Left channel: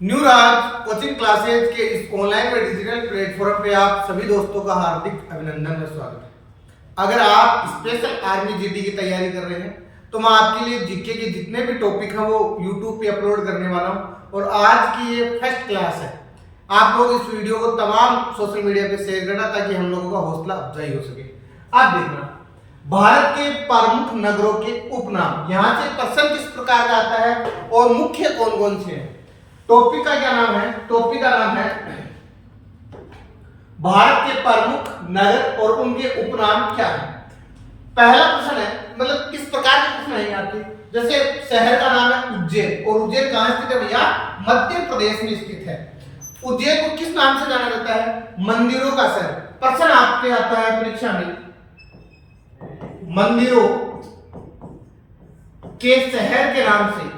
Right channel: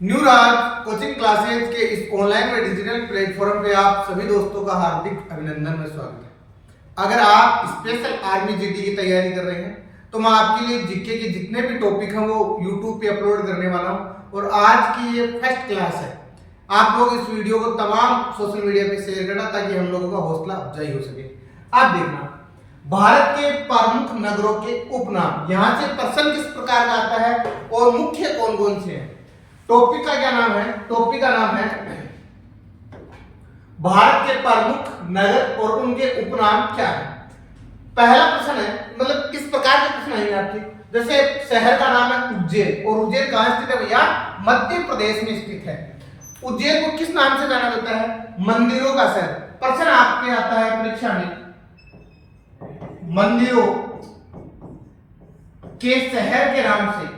New राज coaching classes के इस online व डिजिटल प्लेटफॉर्म पे आप सभी दोस्तों का हार्दिक अभिनंदन व स्वागत है। अगर आप स्पेशल आर्मी जीडी की तैयारी कर रहे हैं तो मैं आपके लिए जीके के जितने भी टॉपिक हैं वो यूट्यूब पे अपलोड करने वाला हूं और आज की ये फर्स्ट क्लास है। आप लोग इस वीडियो को तमाम सोशल मीडिया पे शेयर करना ताकि हम लोगों का हौसला अफजाई हो सके। आप देखना, भारत के प्रमुख नगरों के उपनाम, यहाँ से प्रश्न किस प्रकार का आता है और मुख्य कौन कौन से हैं। टॉपिक का क्या नाम है? टॉपिक का नाम है भारत के प्रमुख नगर और उनके उपनाम क्या है। पहला प्रश्न है, मतलब किस प्रकार के प्रश्न है आपके, जैसे शहर का नाम है उज्जैन और उज्जैन कहां स्थित है भैया? मध्य प्रदेश में स्थित है। उज्जैन को किस नाम से जाना जाता है? मंदिरों का शहर। प्रश्न आपके आता है परीक्षा में, मंदिरों के शहर के नाम से,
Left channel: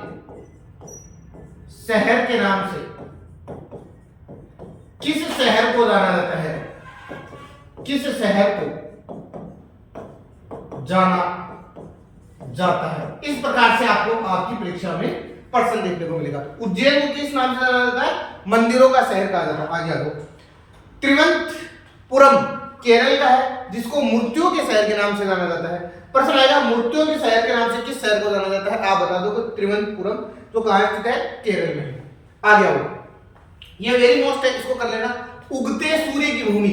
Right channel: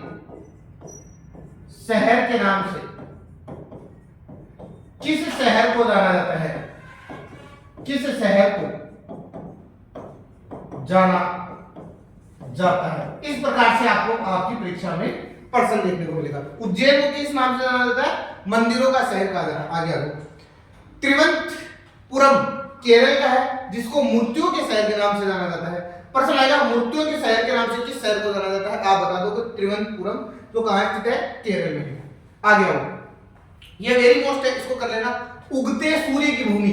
शहर के नाम से किस शहर को जाना जाता है? किस शहर को जाना जाता है? इस प्रकार से आपको आपकी परीक्षा में प्रश्न देखने को मिलेगा। उज्जैन को किस नाम से जाना जाता है? मंदिरों का शहर कहा जाता है। आगे आ जाओ। त्रिवंतपुरम केरल का है जिसको मूर्तियों के शहर के नाम से जाना जाता है। प्रश्न आएगा मूर्तियों के शहर के नाम से किस शहर को जाना जाता है? आप बता दो कि त्रिवंतपुरम जो कहां स्थित है? केरल में है। आगे आओ, ये वेरी मोस्ट है, इसको कर लेना। उगते सूर्य की भूमि,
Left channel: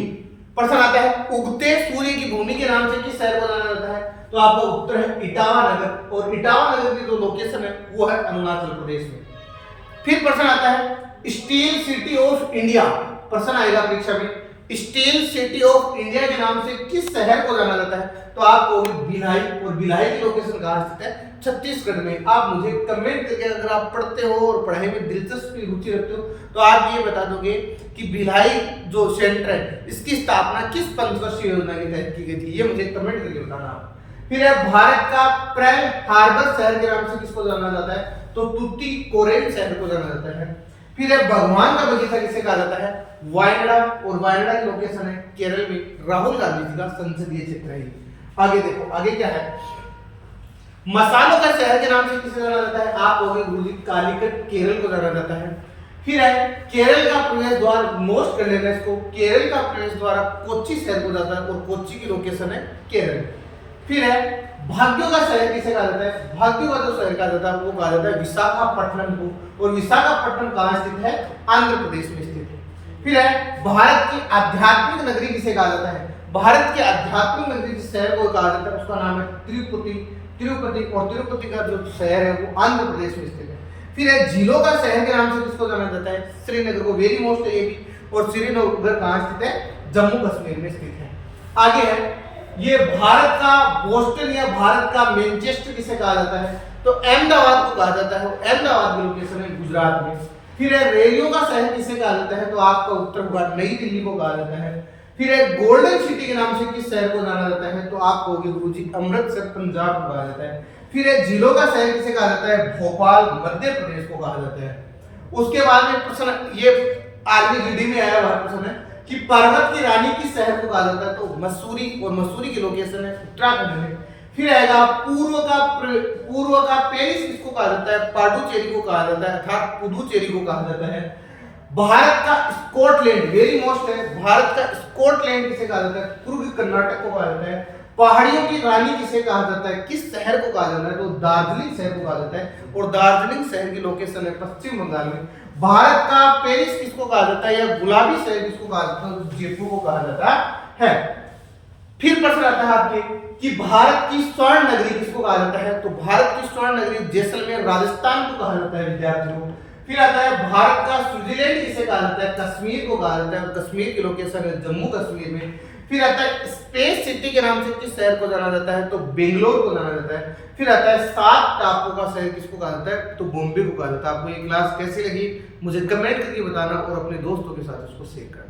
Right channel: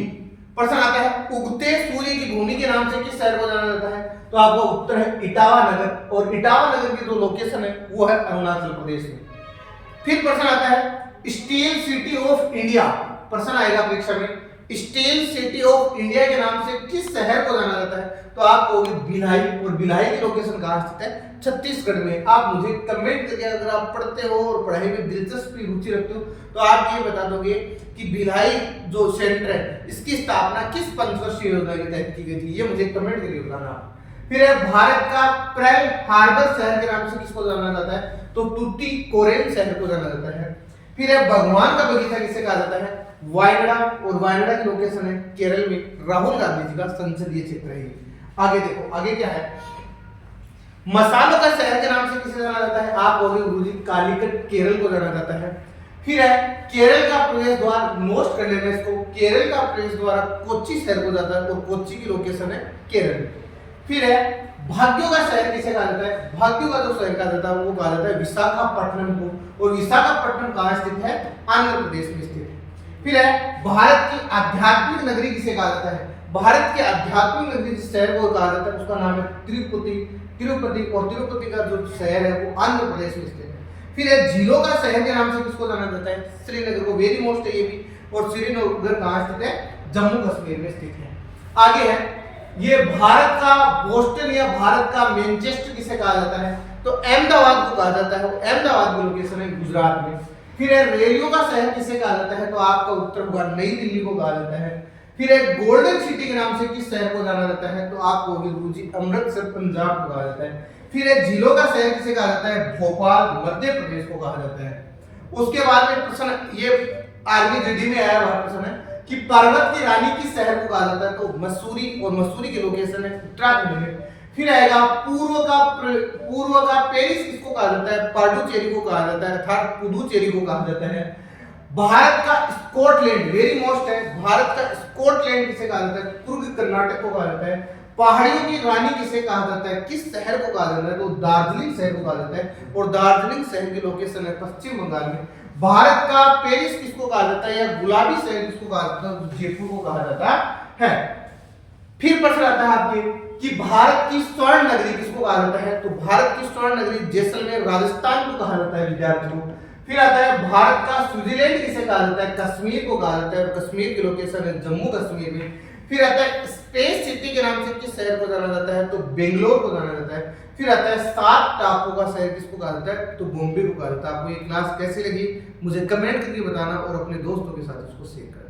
प्रश्न आता है उगते सूर्य की भूमि के नाम से किस शहर को जाना जाता है? तो आपका उत्तर है इटावा नगर और इटावा नगर की जो लोकेशन है वो है अरुणाचल प्रदेश में। फिर प्रश्न आता है स्टील सिटी ऑफ इंडिया। प्रश्न आएगा परीक्षा में, स्टील सिटी ऑफ इंडिया के नाम से किस शहर को जाना जाता है? तो आपको भिलाई, और भिलाई की लोकेशन कहां स्थित है? छत्तीसगढ़ में। आप मुझे कमेंट करके, अगर आप पढ़ते हो और पढ़ाई में दिलचस्पी रुचि रखते हो तो आप ये बता दोगे कि भिलाई जो सेंटर है इसकी स्थापना किस पंचवर्षीय योजना के तहत की गई थी? ये मुझे कमेंट करके बताना आप। फिर है भारत का पर्ल हार्बर शहर के नाम से किसको जाना जाता है? तो तूतीकोरिन शहर को जाना जाता है। फिर है भगवान का बगीचा किसे कहा जाता है? वायनाड, और वायनाड की लोकेशन है केरल में। राहुल गांधी जी का संसदीय क्षेत्र है। आगे देखो, आगे क्या है? मसालों का शहर के नाम से किसे जाना जाता है? आप कहोगे गुरुजी कालीकट, केरल को जाना जाता है। फिर है केरल का प्रवेश द्वार, नोट कर लेना इसको, केरल का प्रवेश द्वार कोच्चि शहर को जाता है और कोच्चि की लोकेशन है केरल में। फिर है भाग्यों का शहर किसे कहा जाता है? भाग्यों का जो शहर कहा जाता है वो कहा जाता है विशाखापट्टनम को, और विशाखापट्टनम कहां स्थित है? आंध्र प्रदेश में स्थित है। फिर है भारत की आध्यात्मिक नगरी किसे कहा जाता है? भारत की आध्यात्मिक नगरी जिस शहर को कहा जाता है उसका नाम है तिरुपति। तिरुपति, और तिरुपति का जो शहर है वो आंध्र प्रदेश में स्थित है। फिर है झीलों का शहर के नाम से किसको जाना जाता है? श्रीनगर को। वेरी मोस्ट है ये भी। और श्रीनगर कहां स्थित है? जम्मू कश्मीर में स्थित है। आगे है ये भारत का बोस्टन या भारत का मैनचेस्टर किसे कहा जाता है? तो अहमदाबाद को कहा जाता है। अहमदाबाद की लोकेशन है गुजरात में। फिर है रेलियों का शहर किसे कहा जाता है? तो आपका उत्तर होगा नई दिल्ली को कहा जाता है। फिर एक गोल्डन सिटी के नाम से किस शहर को जाना जाता है? तो आपको गुरुजी अमृतसर पंजाब को कहा जाता है। फिर एक झीलों का शहर किसे कहा जाता है? भोपाल मध्य प्रदेश को कहा जाता है। उसके बाद में प्रश्न, ये आर्मी जीडी में आया हुआ प्रश्न है कि पर्वत की रानी किस शहर को कहा जाता है? तो मसूरी, और मसूरी की लोकेशन है उत्तराखंड में। फिर आएगा पूर्व का पेरिस किसको कहा जाता है? पाडुचेरी को कहा जाता है, अर्थात पुदुचेरी को कहा जाता है। भारत का स्कॉटलैंड, वेरी मोस्ट है, भारत का स्कॉटलैंड किसे कहा जाता है? कुर्ग कर्नाटक को कहा जाता है। पहाड़ियों की रानी किसे कहा जाता है? किस शहर को कहा जाता है? तो दार्जिलिंग शहर को कहा जाता है, और दार्जिलिंग शहर की लोकेशन है पश्चिम बंगाल में। भारत का पेरिस किसको कहा जाता है, या गुलाबी शहर किसको कहा जाता है? तो जयपुर को कहा जाता है। फिर प्रश्न आता है आपके कि भारत की स्वर्ण नगरी किसको कहा जाता है? तो भारत की स्वर्ण नगरी जैसलमेर राजस्थान को कहा जाता है विद्यार्थियों। फिर आता है भारत का स्विट्जरलैंड किसे कहा जाता है? कश्मीर को कहा जाता है, और कश्मीर की लोकेशन है जम्मू कश्मीर में। फिर आता है स्पेस सिटी के नाम से किस शहर को जाना जाता है? तो बेंगलोर को जाना जाता है। फिर आता है 7 टापुओं का शहर किसको कहा जाता है? तो बॉम्बे को कहा जाता है। आपको ये क्लास कैसी लगी मुझे कमेंट करके बताना और अपने दोस्तों के साथ उसको शेयर करना।